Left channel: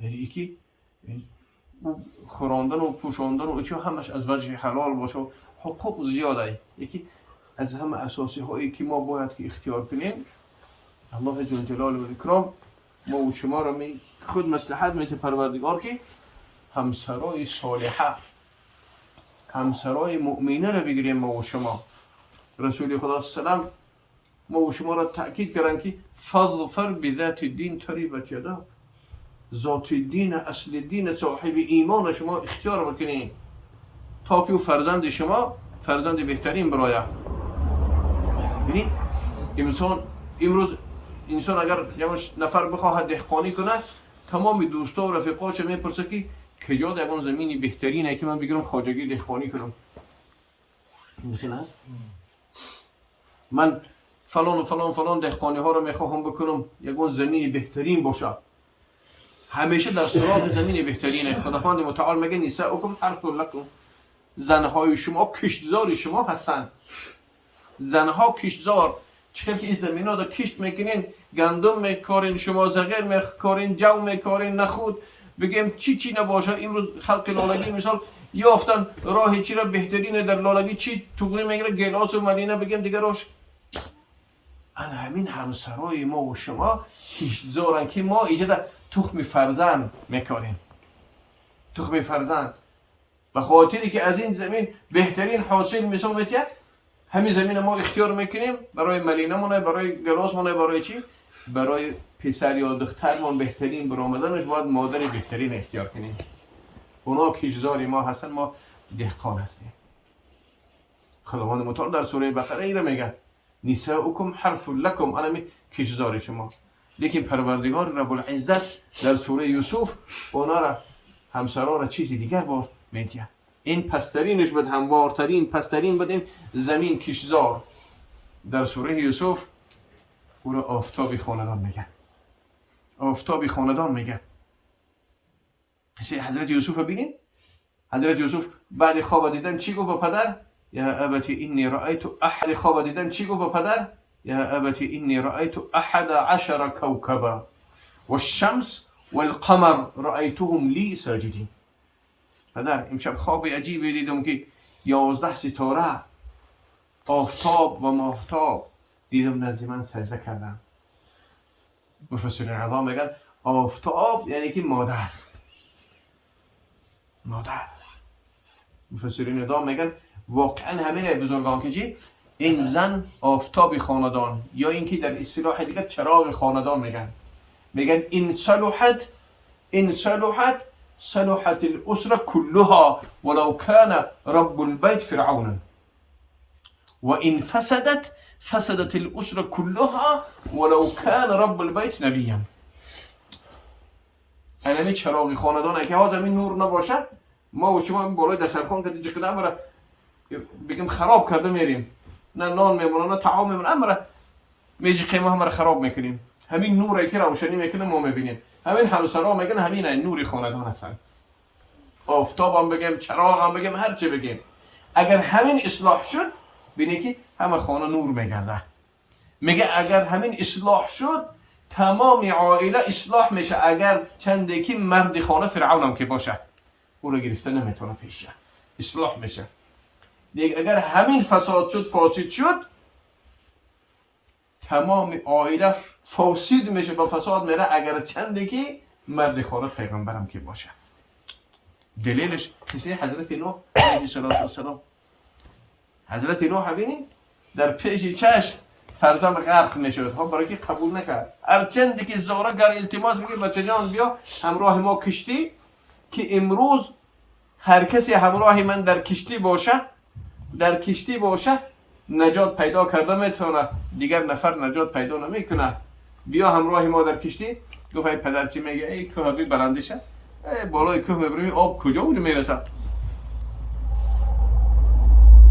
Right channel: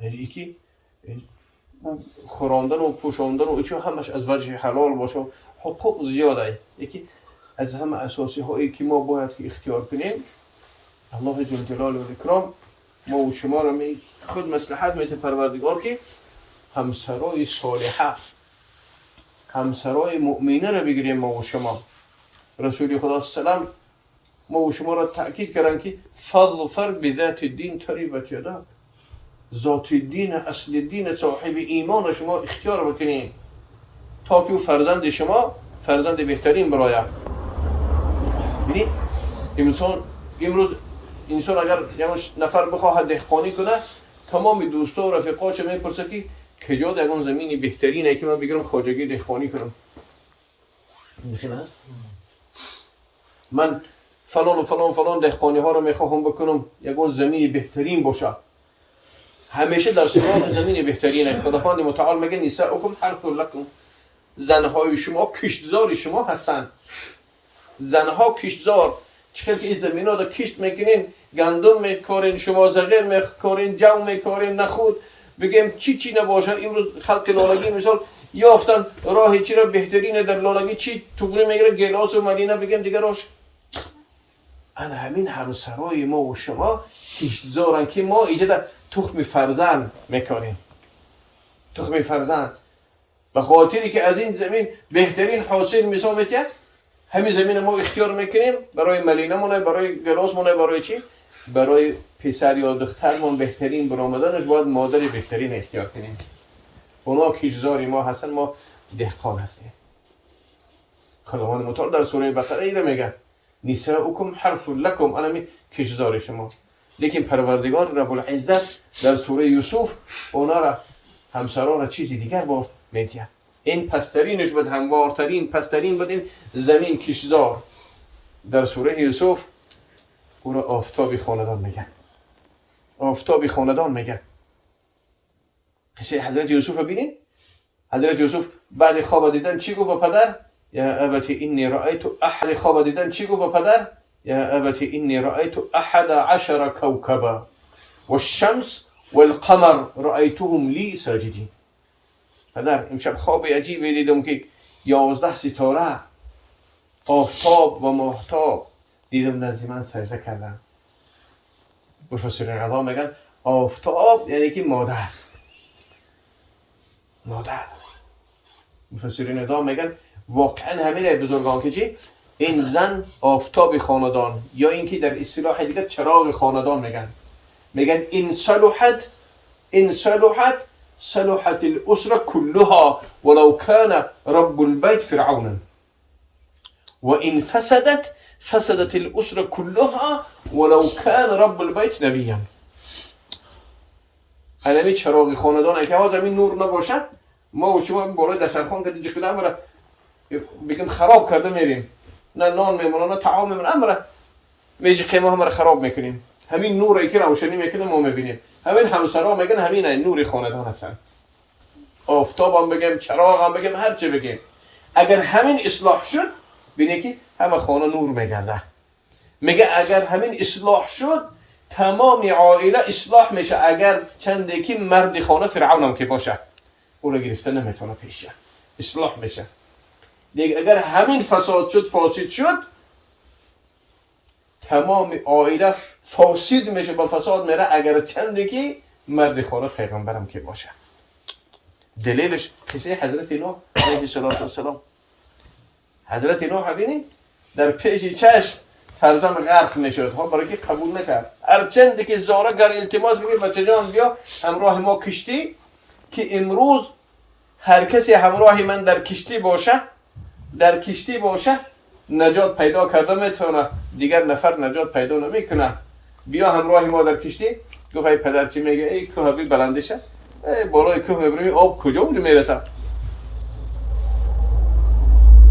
یعنی یکی خوراندن و پوشاندن و چه همش از وجه حلال باشه، حقوق زیاده. یکی از همه اساسی هایی که ما باید که اختیار کنیم، الله جل جلاله و اکرام ما و شما را خود مصلحت میده پروردگار که همسرای صالحه، همسرای مؤمنه را بگیریم ما و شما. رسول خدا سلام ما و شما را تأکید کردن که فظفر بذات الدین تریبت یداک، ذات دین، اصل دین، صاحب ایمان شما اختیار بکنید تا که فرزند شما فرزند بهترین برایه. ببینید امروز انسان اگر یه نفر بخواهد دهقانی کنه، تمام دوستا و رفیقاش میپرسه که کجا در اون زمینی بهترینه که من بگیرم خواجگی دهقانی کنم. میخوام من فلان و فلان فلان دهقانی ها رو میخواهم بکنم، یگون زمینی بهترین باشه. همیشه در سراغ زمین بهترینه. خداوند متعال میگه نساؤکم حرث لکم، زنهای شما کشتزار شما هستند. زنها کشتزار، چقدر که این زمین ها در کشت میکنین، گندم میکارین، شما زغیر میکارین، جو میکارین، نخود بگیم چی نباشه. امروز خلق لالگی مثال یافتن راه چی را بهترینه در لالگی، چی توگری میگیره گلاس و مدینه، بگیم دیگه راش. ان همین همسرای ما و شما کشتزارن که ما ایجاد تخم فرزند میکنیم. تخم فرزند به خاطری که از این زمین بهترین حاصل مثال میتید، همین زمین ما اختیار میکنیم برای ملینه مونه، برای گلاس مونه، برای چی؟ برای پسر یا دخترمون بهترین برآمدنش باید مادر بهترین اختیار کنیم. اونا کشتزار ما هستن، ما دهقان هستیم. خداوند متعال در سوره بقره ای را میگه نساؤکم حرث لکم، انا می کشتزار شما. لیکن پروردگار رب العزت در سوره یوسف اونا را همسران را چیزی دیگر با میگه. این پسترینش بود، هموارترین پسترین بود این زمین کشتزار. در سوره یوسف او را آفتابی خاندان میگه. آفتابی خاندان میگه. قصه حضرت یوسف ببینید. حضرت یوسف بعد خواب دیدن چی گفت به پدر؟ یا ابتی انی رأیت احد. خواب دیدن چی گفت به پدر؟ یا ابتی انی رأیت 11 کوكبا والشمس والقمر رأیتهم لی ساجدین. پدر امشب خواب عجیبی دیدم که 11 ستاره، آفتاب و ماهتاب دیدم نزد من سجده کردن. مفسرین عظام میگن آفتاب یعنی که مادر. مفسرین عظام میگن واقعا همینه بزرگان که چی؟ این زن آفتاب خاندان، یا اینکه در اصطلاح دیگر چراغ خاندان میگن این صلحت الاسره كلها ولو كان رب البيت فرعون و این فسدت الاسره كلها ولو كان رب البيت نبيا. علمی چراغ خاندان که ها زمین نور نباشه، ما و شما بالای دسترخوان که دیگه کدام را بگم خراب کرده میریم، نه نان میمونه نه طعام میمونه، امر میجی قیمه هم را خراب میکنیم. همین نوری که روشنی میکنه ما میبینیم. همین همسرا میگن همین نور خاندان هستن. آفتاب هم بگیم، چراغ هم بگیم، هر چی بگیم، اگر همین اصلاح شد ببینید که همه خانه نور میگرده. میگه اگر همین اصلاح شد تمام عائله اصلاح میشه. اگر چنده که مرد خانه فرعون هم که باشه او را گرفته نمیتونه پیشه، اصلاح میشه. دیگه اگر همین فساد شد تمام عائله فاسد میشه، با فساد میره. اگر چنده که مرد خانه پیغمبرم که باشه. دلیلش قصه حضرت نوح علیه السلام. حضرت نوح ببینید در پیش چشم فرزند غرق میشد، ها برای که قبول نکرد. هرچند که زاره گر التماس میگه بچه جان بیا همراه ما کشتی، که امروز هر کسی همراه من در کشتی باشه نجات پیدا کرده میتونه، دیگر نفر نجات پیدا نمیکنه. بیا همراه ما در کشتی. گفت ای پدر چی میگه؟ ای کوه بی بلندشه، بالای کوه میبریم آب کجا اونجا میرسه؟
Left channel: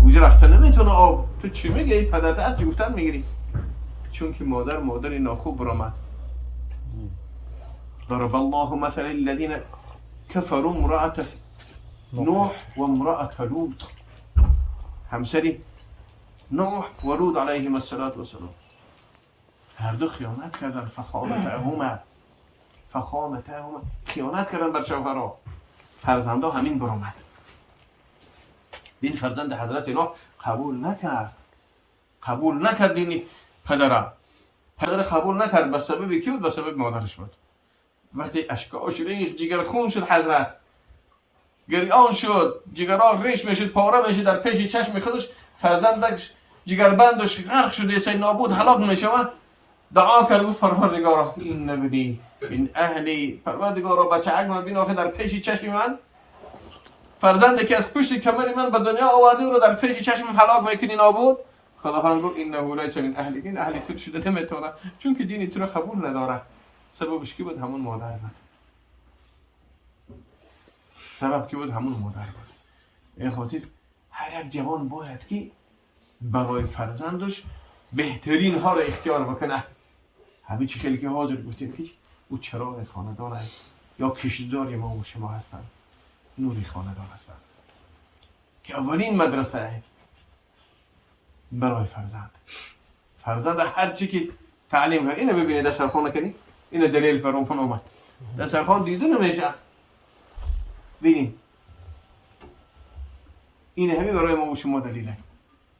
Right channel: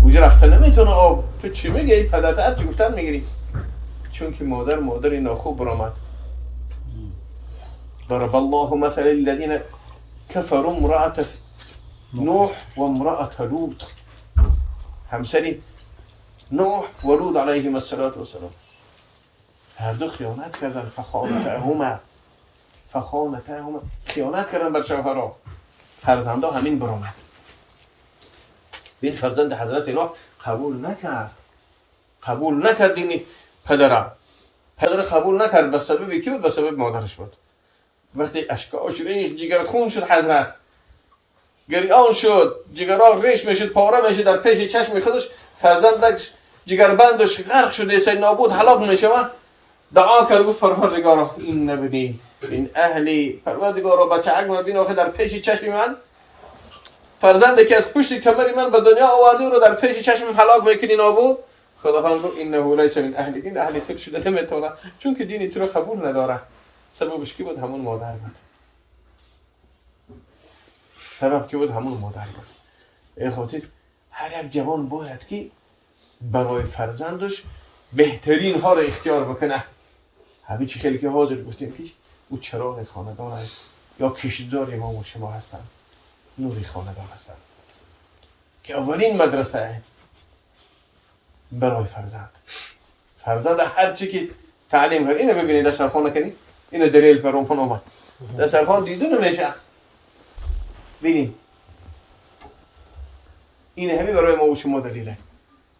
اونجا رفته نمیتونه آب. تو چی میگه؟ ای پدر هر چی گفتن میگیری. چون که مادر ناخوب برآمد. ضرب الله مثل الذين كفروا امرأة نوح و امرأة لوط. همسری نوح و لوط علیهم السلام هر دو خیانت کردن. فخانتهما خیانت کردن بر شوهرها. فرزندا همین برآمد. این فرزند حضرت نوح قبول نکرد دین پدر قبول نکرد. به سبب کی بود؟ به سبب مادرش بود. وقتی اشکاش ریخت، جگر خون شد حضرت، گریان شد، جگرها ریش میشد، پاره میشد در پیش چشم خودش. فرزندش جگر بندش غرق شده، سید نابود هلاک میشود. دعا کرد گفت پروردگارا این نبینی، این اهلی، پروردگارا بچه اگم ببین آخه در پیش چشم من فرزندی که از پشت کمری من به دنیا آورده رو در پیش چشم هلاک میکنی نابود. خداوند گفت انه لیس من اهلی، این اهلی تو شده نمیتونه، چون که دین تو رو قبول نداره. سببش کی بود؟ همون مادر بود. سبب کی بود؟ همون مادر بود. این خاطر هر یک جوان باید که برای فرزندش بهترین ها را اختیار بکنه. همین چیزی که حاضر گفتیم که او چراغ خاندان یا کشیدار ما و شما هستن، نوری خاندان هستن که اولین مدرسه برای فرزند هر چی که تعلیم کرد. اینو ببینید دسترخوان نکنی، اینو دلیل پر اون اومد. دسترخوان دیده نمیشه. ببینید این همه برای ما و شما دلیله.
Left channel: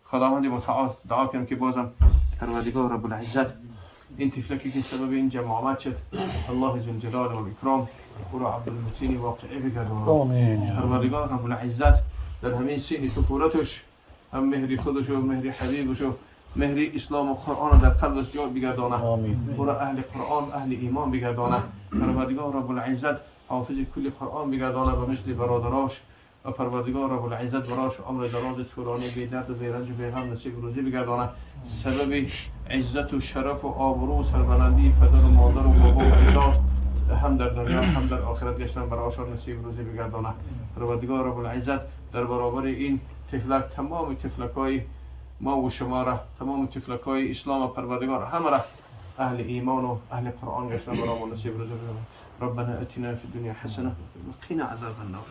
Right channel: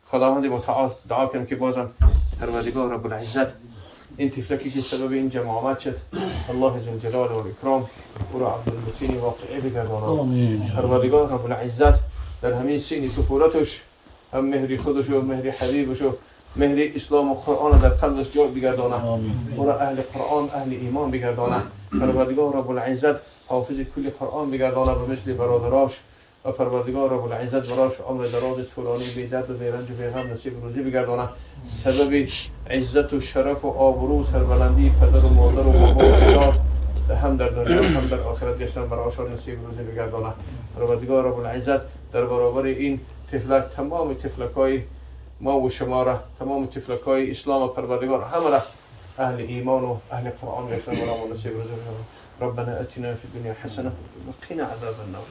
خداوند متعال دعا کنم که بازم پروردگار رب العزت این طفلکی که سبب این جماعت شد، الله جل جلاله و اکرام او را عبدالمتین واقعی بگرداند. پروردگار رب العزت در همین سین طفولتش هم مهری خودش و مهری حبیبش و مهری اسلام و قرآن در قلبش جای بگرداند. او را اهل قرآن اهل ایمان بگرداند. پروردگار رب العزت حافظ کل قرآن بگرداند و مثل برادراش. و پروردگار رب العزت براش عمر دراز طولانی بی درد و بی رنج و بی غم نصیب روزی بگرداند. سبب عزت و شرف و آبرو سربلندی پدر و مادر و بابا و اجداد هم در دنیا هم در آخرت گشتن براش نصیب روزی بگرداند. پروردگار رب العزت در برابر این طفلک تمام طفلکای ما و شما را، تمام طفلکای اسلام پروردگار همه را اهل ایمان و اهل قرآن گشتن براش نصیب روزی بگرداند. ربنا اتنا في الدنيا حسنه وقنا عذاب النار.